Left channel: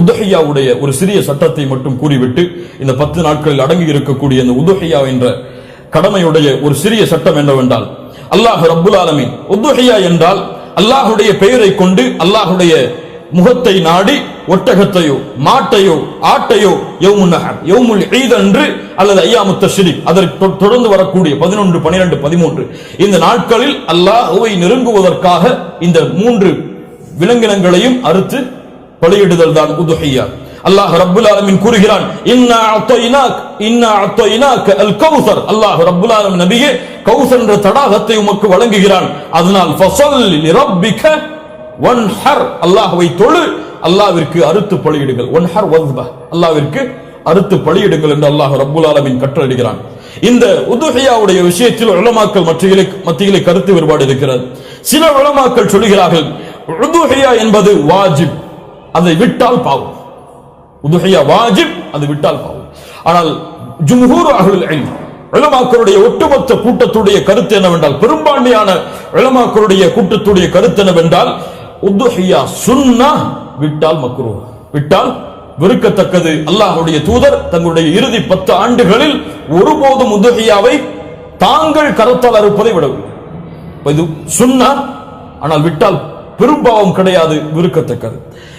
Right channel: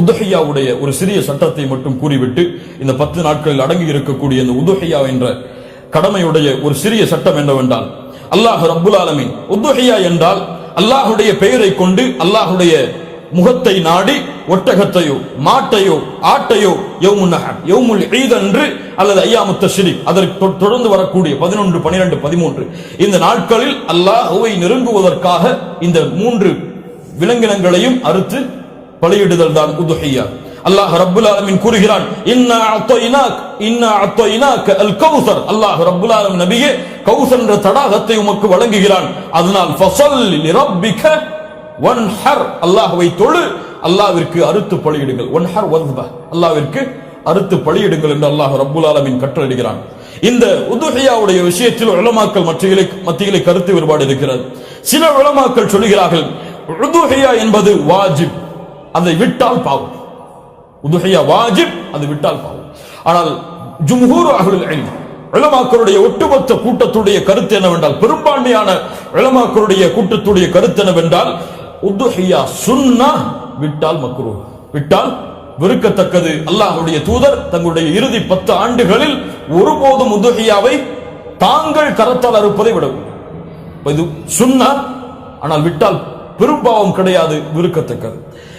உதஹையாவுடைய ஒரு சிறிய சட்டத்தை மட்டும் கூறிவிட்டு இந்த பத்து நாட்களில் அடங்கி இருக்கக்கூடிய இந்த உதுஹையா என்ற கடமையுடைய ஒரு சிறிய சட்டம் என்னவென்றால் அல்லாஹ் ரப்புல் ஆலமின் உதுஹையா என்றால் அல்லாஹுடைய பெயரை கொண்டு அல்லாஹுடைய முகத்தை நாடி ஒட்டகத்தையோ மாட்டையோ ஆட்டையோ என்று அல்லது ஐயாமுத்த சிரி அதற்கு தொடர்ந்து வரக்கூடிய பதினொன்று பனிரெண்டு பதிமூன்று இந்த நாட்களில் அல்லாஹுவை நெருங்குவதற்காக இந்த மூன்று விலங்கினங்களையும் அறுத்து பலியிடுதல் தான் உதுஹையா அல்லாஹ் ரப்புல் ஆலமின் கூறுகிறான் இன்னா இன்னா அல் கௌசர் அல்லாஹ் ரப்புல் ஆலம் நபியே கௌசர் என்ற தடாகத்தை உமக்கு வழங்குகிறான் அதனால் ஃபசல் ரப்பிக வன்ஹர் அல்லாஹ்வை தொழு அல்லாவிற்கு அறுத்து பலியிடுங்கள் ஹர் வஸ்பா அல்லாவிற்கு அறுத்து பலியிடுங்கள் என்று அல்லாஹ் ரப்புல் ஆலமின் கட்டளையிடுகிறான் இந்த உதுஹையாவுடைய விஷயத்தில் உலமாக்கள் மத்தியிலே மத்தியிலே கருத்து வேறுபாடு இருக்கிறது சில உலமாக்கள் சொல்லுகிறார்கள் உதுஹையா என்பது வாஜிப் அதை விட்டால் பாவம் உதுகையா வாஜிப் அது விட்டால் பாவம் ஆனால் ஜும்ஹூர் அகலுல் இளமாக்களுடைய ஒட்டுமொத்த கூட்டத்துடைய கருத்து என்னவென்றால் பெரும்பான்மையான இளமாக்களுடைய கூட்டத்துடைய கருத்து என்னவென்றால் உதுஹியா சுன்னா விட்டால் மக்ரூ விட்டால் வெறுக்கத்தக்கது அல்லாஹுடைய தூதர் தங்களுடைய இறுதி பத்து ஆண்டுகளில் ஒருபோதும் உதுஹியாவை தாங்கள் கரத்தால் அறுப்பதை விடவில்லை இது சுன்னா ஆனால் விட்டால் பெரும்பாவம் கிடையாது விருக்கத்தக்கது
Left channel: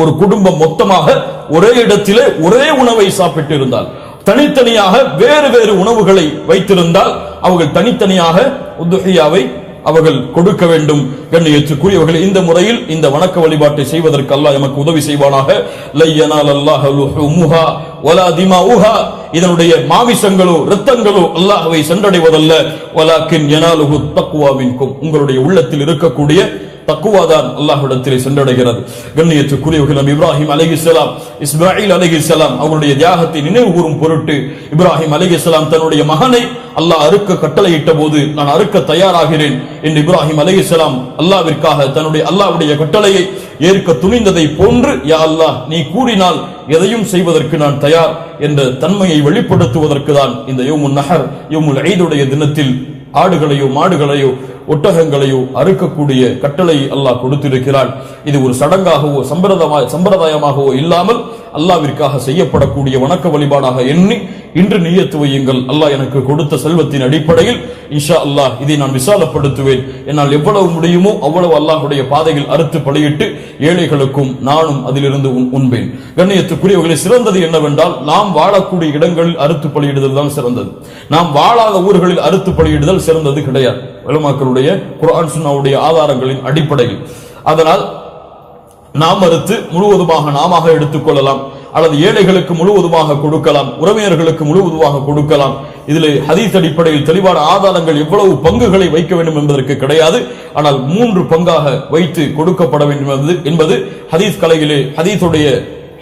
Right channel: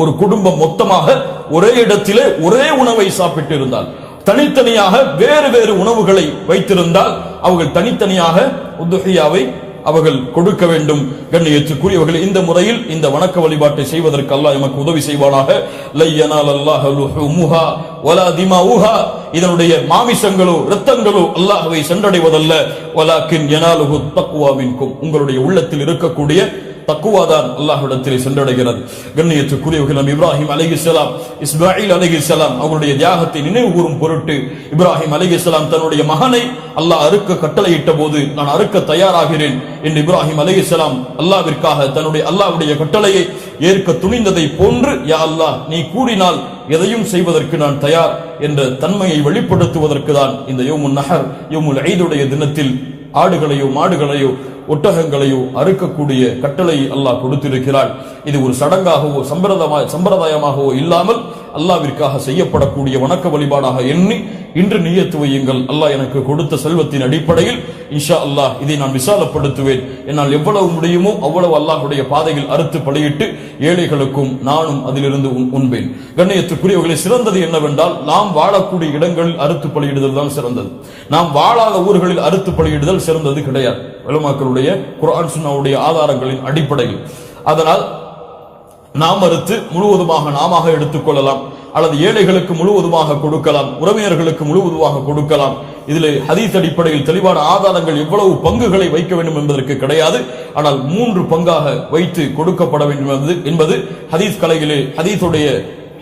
ஒரு குடும்பம் மொத்தமாக ஒரே இடத்திலே ஒரே உணவை சாப்பிட்டு இருந்தால் தனித்தனியாக வேறு வேறு உணவுகளை வைத்திருந்தால் அவர்கள் தனித்தனியாக உத்துஹியாவை அவர்கள் கொடுக்க வேண்டும் கண்ணியத்துக்குரியவர்கள் இந்த முறையில் இந்த வணக்க வழிபாட்டை செய்வதற்கு அல்லாஹ் எமக்கு உதவி செய்வானாக இதனுடைய மாமிசங்களோ ரத்தங்களோ அல்லாஹவை சென்றடைவதல்ல உங்களுடைய உள்ளத்தில் இருக்கக்கூடிய தக்குவாதான் அல்லாஹிடத்தில் சென்றடைகிறது கண்ணியத்துக்குரியவர்களும் இப்ராஹிம் அலஹி இஸ்லாம் இஸ்மாயில் அலஹி இஸ்லாம் அவருடைய தியாகத்தை நினைவு கூறும் பொருட்டு இப்ராஹிம் அலஹி இஸ்லாம் தன்னுடைய மகனை அல்லாஹ் அறுக்க கட்டளையிட்ட போது நான் அறுக்க தயாராகிறேன் என்று இப்ராஹிம் அலஹி இஸ்லாம் அல்லாவிற்காக தன்னுடைய அல்லாவுடைய கட்டளையை ஏற்க துணிந்ததை போன்று யா அல்லாஹ் நீ கூறினால் எதையும் செய்வதற்கு நான் தயார் என்ற தன்மையை வெளிப்படுத்துவதற்கு தான் இந்த யோமுன் நகர் யோமுல் ஐதுடைய தினத்தில் ஆடுகளையோ மாடுகளையோ ஒட்டகங்களையோ அறுக்கக்கூடிய கட்டளை அல்லாஹ் கொடுத்திருக்கிறான் இது ஒரு சடங்காகவோ சம்பிரதாய சம்பிரதாயமாகவோ இல்லாமல் அல்லாவிற்காக செய்யப்படக்கூடிய வணக்க வழிபாடாக எண்ணி இன்று நீயத்து வையுங்கள் அல்லாஹ் எனக்கு கொடுத்த செல்வத்தின் அடிப்படையில் இஷா அல்லாஹ் இதை நான் விசாலப்படுத்துவேன் என்னால் எவ்வளவு முடியுமோ அவ்வளவு அல்லாஹுடைய பாதையில் அறுத்து படையிட்டு ஏழைகளுக்கும் நானும் அதிலிருந்து உண்பேன் கண்ணியத்துக்குரியவர்களை சிறந்தது என்னவென்றால் நாம் வாழக்கூடிய இடங்களில் அறுத்து பலியிடுதல் தான் சிறந்தது நாம் வாழாத ஊர்களில் அறுத்து பலியிடுதல் சிறந்தது கிடையாது நம்மளுடைய குரான் சுனாவுடைய ஆதாரங்களின் அடிப்படையில் அதனால் நாம் மறுத்து முழுவதுமாக நாம எடுத்துக்கொள்ளலாம் அல்லது ஏழைகளுக்கு முழுவதுமாக கொடுக்கலாம் உறவினர்களுக்கு முழுவதுமாக கொடுக்கலாம் இதில் ஹதீஸ் அடிப்படையில் தெளிவான ஆதாரங்கள் எவ்வளவு பங்குகளை வைக்க வேண்டும் என்பதற்கு கிடையாது ஆனால் மூன்று பங்காக வைத்து கொடுக்கப்பட வேண்டும் என்பது ஹதீஸ் கலையிலே ஹதீஸுடைய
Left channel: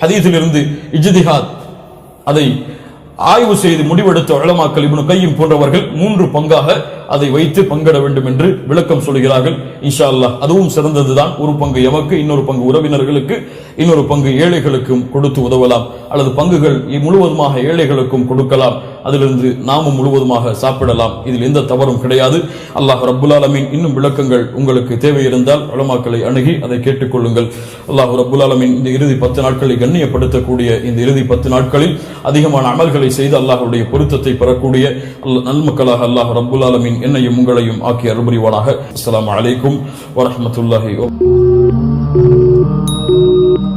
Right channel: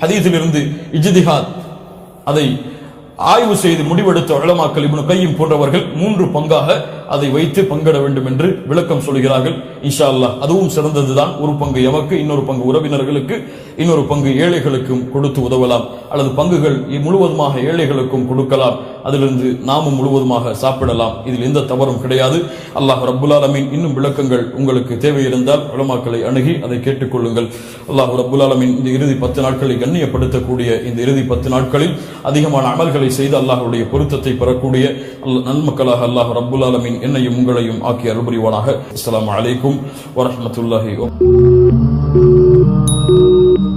ஹதீஸிலிருந்து இஜ்திஹாத் அதை ஆய்வு செய்து முடிவெடுத்த வளமாக்கல் இவனு கையும் போன்றவர்கள் மூன்று பங்காக அதை வைத்து பங்கிட வேண்டும் என்று விளக்கம் சொல்கிறார்கள் இன்ஷா அல்லா அதுவும் சிறந்ததுதான் ஒரு பங்கு எமக்கு இன்னொரு பங்கு உறவினர்களுக்கு இன்னொரு பங்கு ஏழைகளுக்கும் கொடுத்து உதவலாம் அல்லது பங்குகள் முழுவதுமாக ஏழைகளுக்கும் கொடுக்கலாம் அதிலிருந்து நாமும் முழுவதுமாக சாப்பிடலாம் இதில் எந்த தவறும் கிடையாது அல்லாஹ் ரபுல்லாலமின் இன்னும் விளக்கங்கள் உங்களுக்கு தேவை இருந்தால் வளமாக்களை அணுகி அதை கேட்டுக்கொள்ளுங்கள் அல்லாஹ் ரபுல்லாலமின் இந்த இறுதி பத்து நாட்களை கண்ணியப்படுத்தக்கூடிய இந்த இறுதி பத்து நாட்களில் அதிகமான அமல்களை அமல்களை செய்து அல்லாஹருடைய பொருத்தத்தை பெறக்கூடிய நல்மக்களாக அல்லாஹ் ரபுல் ஆலமின் என்னையும் உங்களையும் ஆக்கி அருபுரிவானாக அஸ்லாம் வலைக்கும் வரமத்துல்லாஹி